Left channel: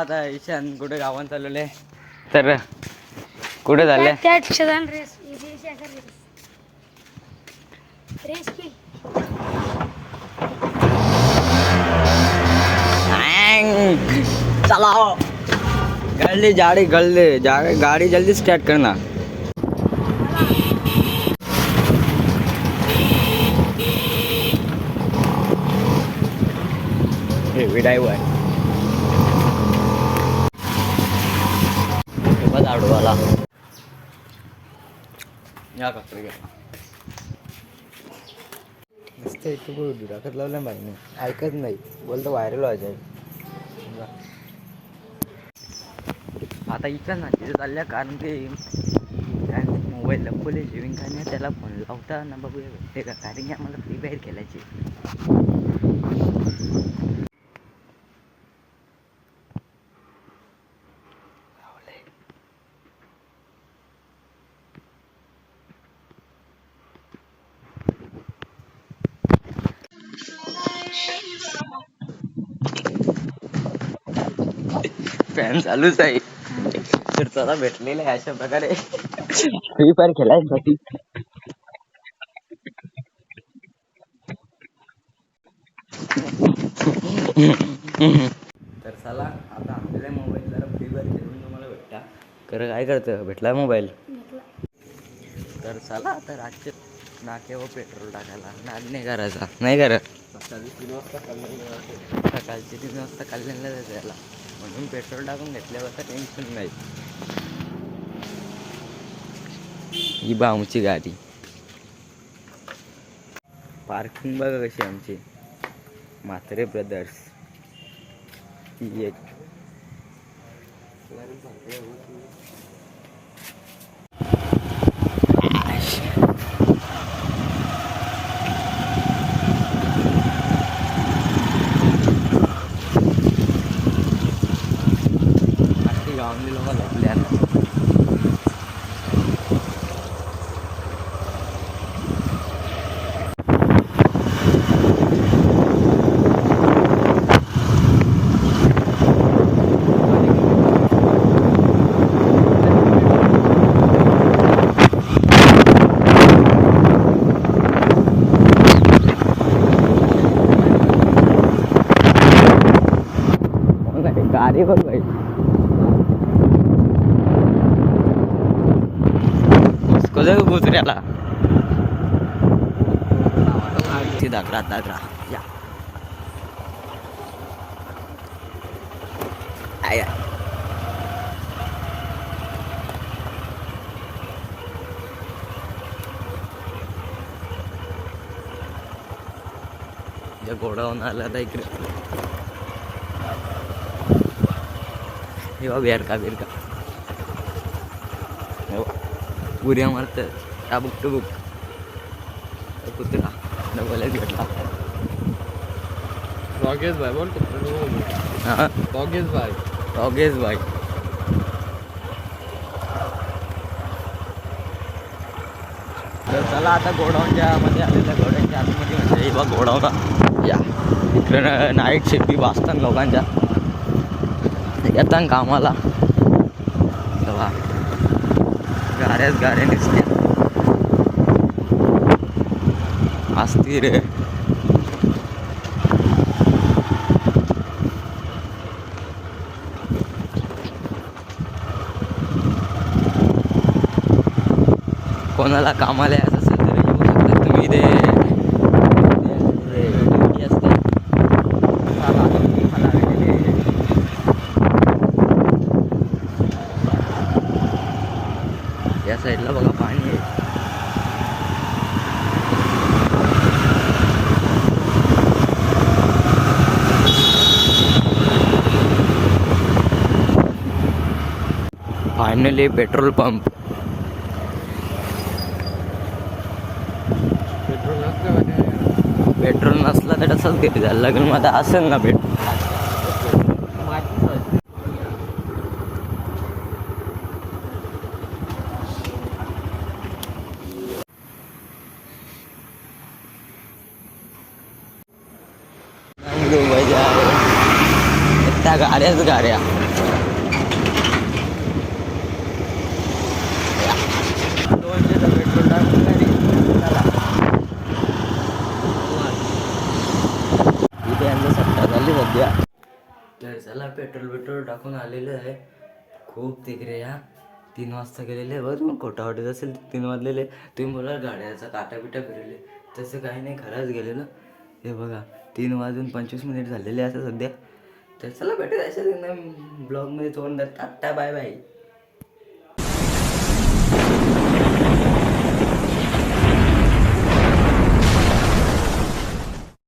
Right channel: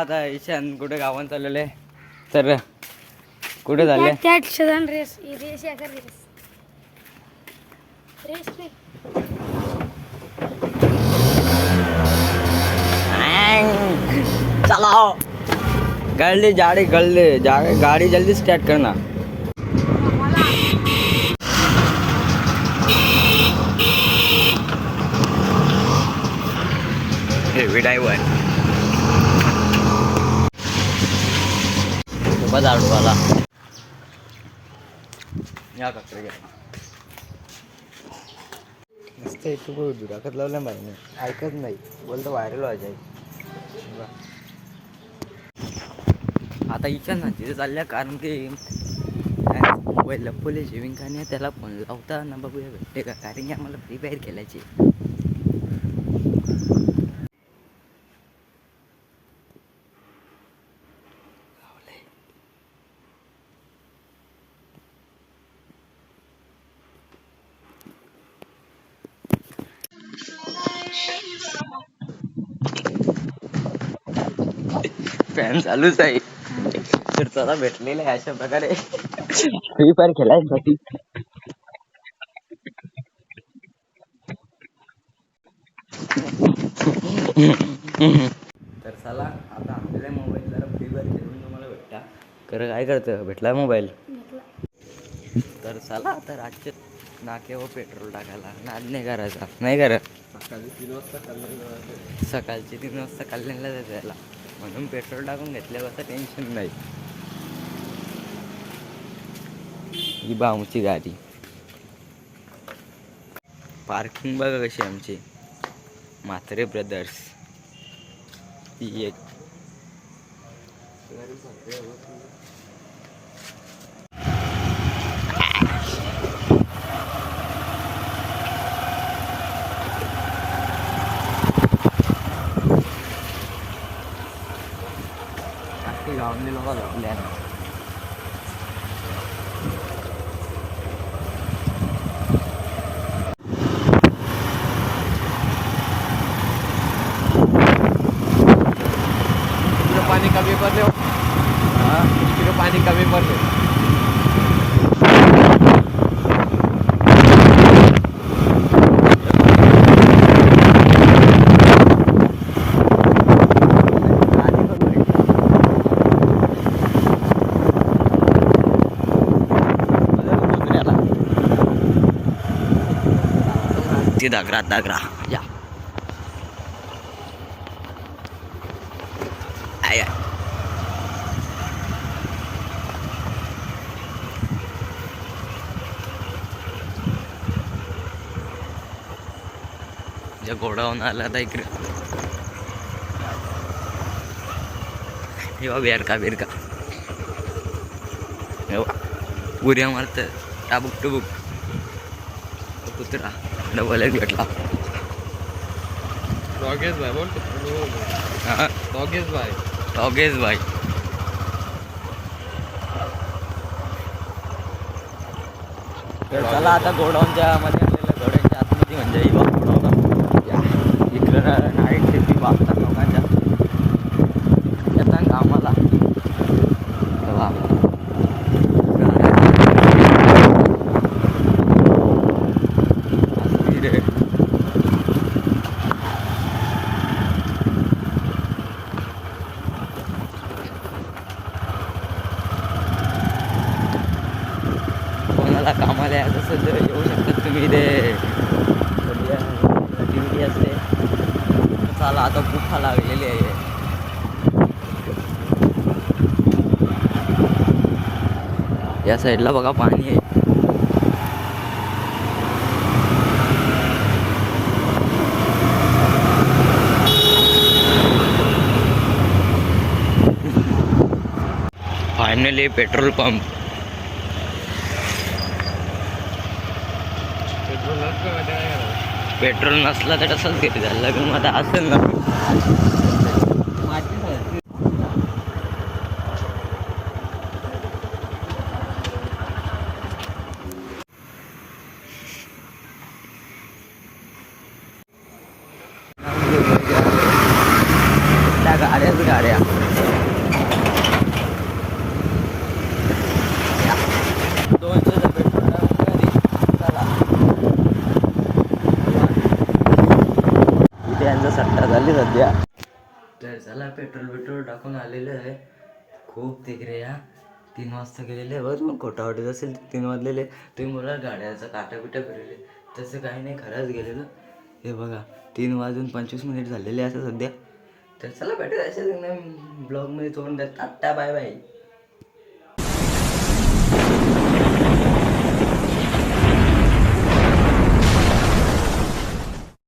आता ईशान कुठे गावात चाललेले तर कुठे की. चलाओ गल्ली गाड़ी गल्ली जा- गाड़ी जल्दी स्टार्ट करना हेवी ड्रायव्हर बस आडवाला. या कचरे घ्या. नुसतं तू कुठं दुराखत लावलं बाईने ऐकत नाही. बोलतो व्हायरल व्हायचं आता इच्छा ना तिथे चालल्या कारण ते मोबाईल लपवले जेवण काय नाही त्याला फोन लावता ना बघूया. भेटते का कारण की आम्हाला फ्री फायर खेळायची फॅन चालूच आहे. तर चला भेटलेलं आहे अशा प्रकारे. फ्री फायर खेळायसाठी. तर चला आता आपल्याला मोबाईल जरा फ्री फायर खेळून तुम्हाला भेटता. खरं काय करतं भेटला मोबाईल तर चला आता रातचे नाक्यावर पेट्रोल टाकायला. नाद नाही करायचा. नाही करत. सकाळची तीन वाजता कल्याणला जायचं याला म्हणून पेट्रोल टाकून घेतल्यावर टेन्शन नाही. ही बामूची गाडी. पार्किंग बघा कशी आमची. म्हात्रे ब्रदर्स ती एक. 了，我们连了。कसं गोजऱ्याला ते दागरा दागरा. या. आय आय. ज्या गोडावून आला आता इकडे. हेवा बेरका बेरका हेवा मारत टाबुक टुबुक तो कुत्रा. डबल एक भेटला. डॉगेश भाई बोलतो. हा? डॉगेश भाई. तर चला आता गोडाऊनच्या मध्ये आलेल्या गोड्यांच्या आतमध्ये म्हणजे हे बघ गोडाऊन. या. इकडं नाईट शिफ्टी वाचतात लोकांच्या. येतात कामाला. तेव्हा गाऱ्याच गाऱ्या दिसते असती रे. कोणाला कामाला यायचं असेल तर येऊ शकता. तुम्ही ते असते आता भूक लागलेले आहे या साईडला बघा पाणी आहे. फायनली पेट्रोल पंप पेट्रोल नसलं तर तसंच घेत जायला लागेल मग आता असेल ना पेट्रोल त्या गाड्याच गाड्या. सट्टा झाली सध्या. तर चला पेट्रोल पेट्रोल टाकून आलेलं आहे. खूप तिकडे या. तीन वाजता गेलेले आहे. बरं मग खोटा वाटत असेल तीन वाजलेले तुम्ही बोला गाड्याचा काटा बिटा फिरले तसं काही नाही खरंच गेलेलं. हे बघा तीन वाजून पंचवीस मिनिट झालेले असं सध्या. तर चला भेटत अशा ब्लॉगमध्ये तोंड टाटा बाय बाय